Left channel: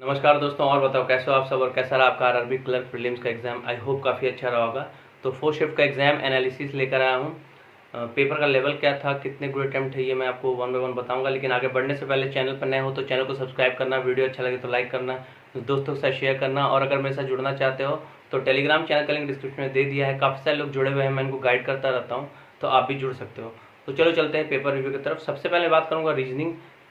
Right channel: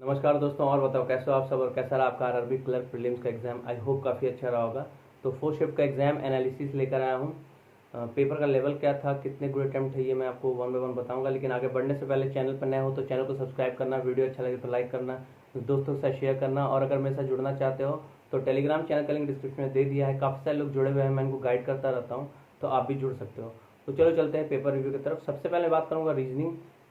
नमस्कार दोस्तों, और बताओ कैसे हो आप सब और कैसा रहा आपका आरआरबी क्लर्क प्रीलिम्स का एग्ज़ाम। आई होप काफ़ी अच्छा रहा होगा। तो फोर्थ शिफ्ट का एग्ज़ाम एनालिसिस लेकर आया हूँ। पेपर का लेवल क्या था, कितने गुड अटैम्प्ट है, ये मैं आपको वन बाय वन बताऊंगा। लेकिन आगे बढ़ने से पहले चैनल पर नए हो तो चैनल को सब्सक्राइब करना, वीडियो अच्छा लगे तो लाइक करना, दोस्तों के साथ शेयर करना। और अगर मेरे साथ जुड़ना चाहते हो तो टेलीग्राम चैनल का लिंक डिस्क्रिप्शन में दे दिया है। काफ़ी सारे लोग जुड़े हुए हैं, मैं इनको गाइड करता रहता हूँ, तो आप भी जुड़ सकते हो। तो चलो चलते हैं पेपर रिव्यू की तरफ। सबसे पहले बात करूँगा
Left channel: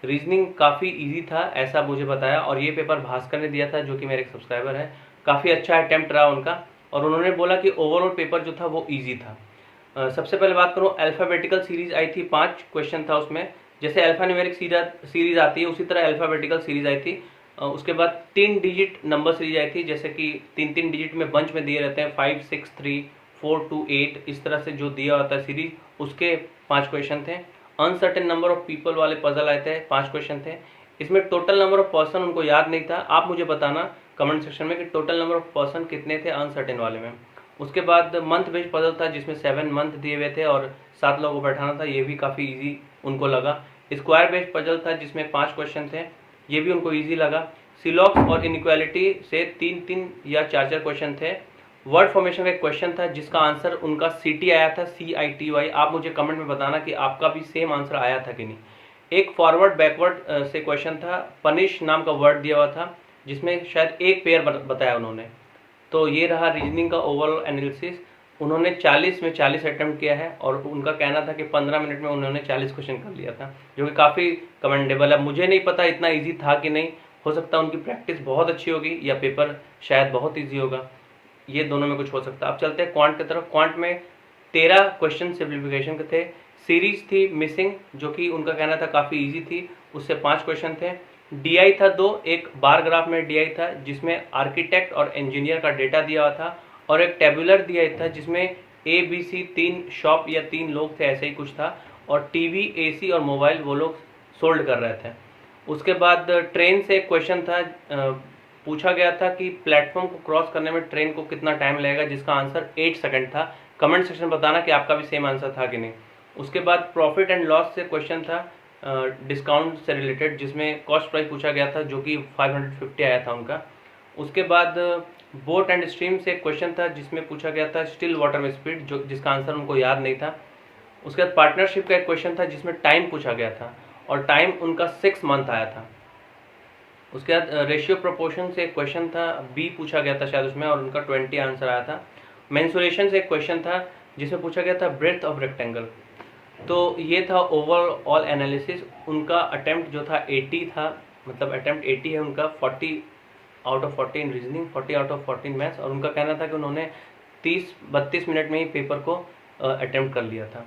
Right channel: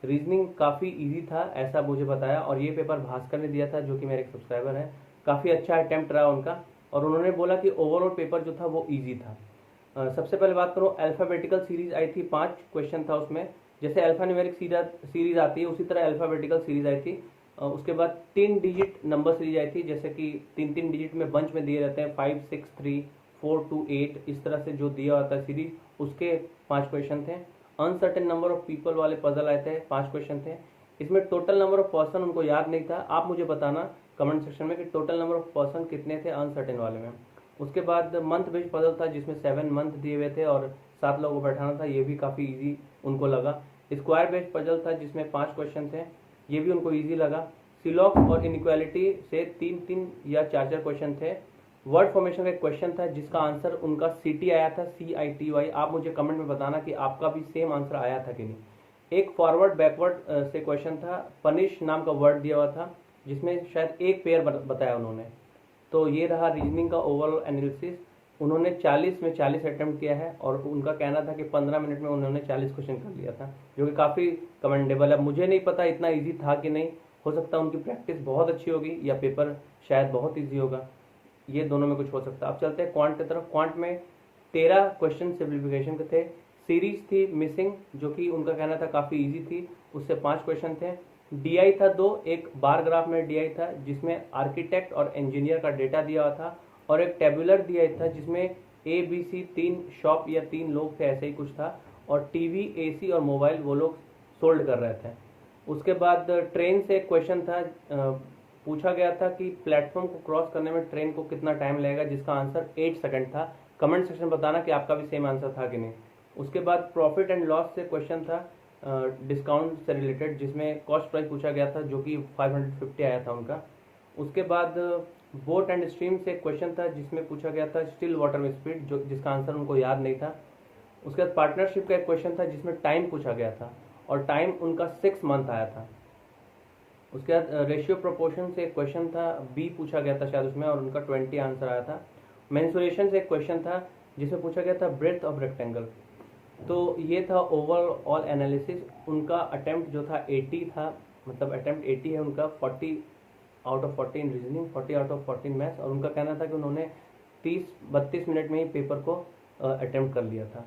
रीजनिंग काफ़ी इजी था ऐसा मुझे बताया, और ये पेपर भास्कर ने दिया था जो कि मेरे एक सब्सक्राइबर है। काफ़ी अच्छा अटैम्प्ट रहा उनका, और उन्होंने बोला कि ओवरऑल पेपर जो था वो इजी था। सबसे पहले बात करूँ, अल्फ़ाबेटिकल सीरीज आई थी, 5 क्वेश्चन था उसमें। जैसे अल्फ़ान्यूमेरिक सीरीज आती है उसी तरह अल्फ़ाबेटिकल सीरीज आई थी। उसके बाद 3 डिजिट नंबर सीरीज आई थी, जैसे कि 3-3 डिजिट में बंच में दिए रहते हैं, 5 6 3 4 2 8, इस तरह से जो दिया होता है सीरीज, उसके 5 क्वेश्चन थे। अनसर्टेन नंबर ऑफ पीपल वाले पजल आए थे, 5 क्वेश्चन थे। इसमें टोटल नंबर ऑफ पर्सन उनको याद नहीं था। आप मुझे बताना कमेंट सेक्शन में कि टोटल नंबर ऑफ पर्सन कितने थे अनसर्टेन वाले में। उसके बाद मंथ बेस्ड पजल था जिसमें 7 मंथ दिए हुए थे और 7 लोगों को बैठाना था, ये भी काफ़ी इजी उनको लगा। स्क्वायर बेस्ड पजल था जिसमें 5 क्वेश्चन थे, ये भी उनको ईजी लगा। सिलॉक्स और इनइक्वालिटी से 3-3 या 4-4 क्वेश्चन थे। वर्ड फॉर्मेशन का एक क्वेश्चन था जिसका आंसर उनका CT आया था, CITY। आप मुझे कमेंट में बताना कि आपका भी सेम आंसर आया था कि नहीं। एक फॉरवर्ड बैकवर्ड से क्वेश्चन था, पनिश नाम का वर्ड दिया हुआ था जिसमें शायद एक पेयर बताया उन्होंने। तो ये रहा रीजनिंग का ओवरऑल एनालिसिस। उन्होंने 40 में 40 अटेम्प्ट किया है, और उनका कहना था कि 15 मिनट में उन्होंने 40 क्वेश्चन कर लिया था, जो कि काफ़ी कमेंडेबल है। मुझे नहीं पता इतना इजी था कि नहीं, हो सकता है उनकी प्रैक्टिस बहुत अच्छी होगी या पेपर शायद बहुत ईजी होगा, ये दोनों में कुछ हो सकता है। अब चलते हैं क्वांट की तरफ। क्वांट में 13 क्वेश्चन सिंप्लीफिकेशन के थे। सीरीज थी मिसिंग, जो कि उनका कहना था काफ़ी इजी थी, उससे 5 क्वेश्चन थे। DI था 2, एक बार ग्राफ में DI था जिसमें आर्किटेक्ट और इंजीनियर का डेटा दिया हुआ था, और एक टेबुलर दिया था जिसमें ABC 3 शॉप या 3 लोग थे, ऐसे ही कुछ था, और TV AC और मोबाइल वो लोग सोल्ड कर रहे थे। उसके बाद ट्रेन से एक क्वेश्चन था, पूछा गया था कि प्लेटफॉर्म को क्रॉस करने में ट्रेन को कितना टाइम लगेगा, जिसका आंसर 8 सेकंड था। कमेंट सेक्शन बताना कि आपका भी सेम आंसर था कि नहीं। उसके बाद प्रॉफिट एंड लॉस से क्वेश्चन था, डिस्काउंट से रिलेटेड, जिसमें कॉस्ट प्राइस पूछा गया था जो कि 550 आया था उनका। उसके बाद बोट एंड स्ट्रीम से क्वेश्चन था जिसमें पूछा गया था स्टिल वाटर में स्पीड, जो जिसका आंसर उनको याद नहीं था। उसके बाद पार्टनरशिप का एक क्वेश्चन था जिसमें टाइम पूछा गया था, और टाइम उनका 6 मंथ आया था। उसके बाद रेशियो प्रोपोर्शन से एक क्वेश्चन था, बी पूछा गया था शायद उसमें, और उनका 20 आंसर आया था। मेंसुरेशन से एक क्वेश्चन था जिसमें पूछा गया था ब्रेथ ऑफ रेक्टेंगल। तो ये था ओवरऑल एनालिसिस। उनका अटेम्प्ट जो था 80 था, मतलब अटेम्प्ट 80 है उनका। 40 out of 40 in reasoning, 40 out of 40 maths, और उनका कहना था कि उन्होंने 30-32 मिनट में ही पेपर को अटेम्प्ट कर लिया था,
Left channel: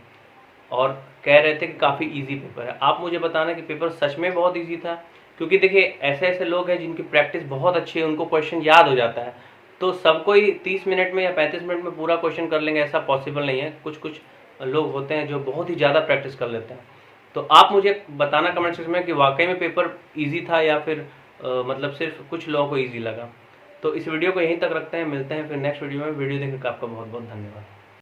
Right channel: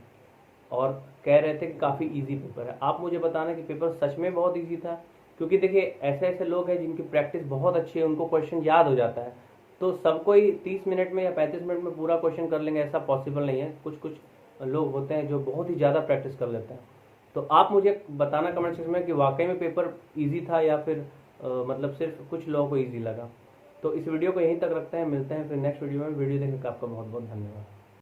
और कह रहे थे कि काफ़ी इजी पेपर है। आप मुझे बताना कि पेपर सच में बहुत इजी था, क्योंकि देखिए ऐसे ऐसे लोग हैं जिनकी प्रैक्टिस बहुत अच्छी है, उनको क्वेश्चन याद हो जाता है। तो सबको ही 30 मिनट में या 35 मिनट में पूरा क्वेश्चन कर लेंगे ऐसा पॉसिबल नहीं है। कुछ कुछ लोग होते हैं जो बहुत ही ज़्यादा प्रैक्टिस कर लेते हैं। तो आप मुझे बताना कमेंट सेक्शन में कि वाकई में पेपर ईजी था या फिर मतलब सिर्फ कुछ लोगों को ईजी लगा। तो इस वीडियो को यहीं तक रखते हैं, मिलते हैं फिर नेक्स्ट वीडियो में। वीडियो देखने का आपका बहुत बहुत धन्यवाद।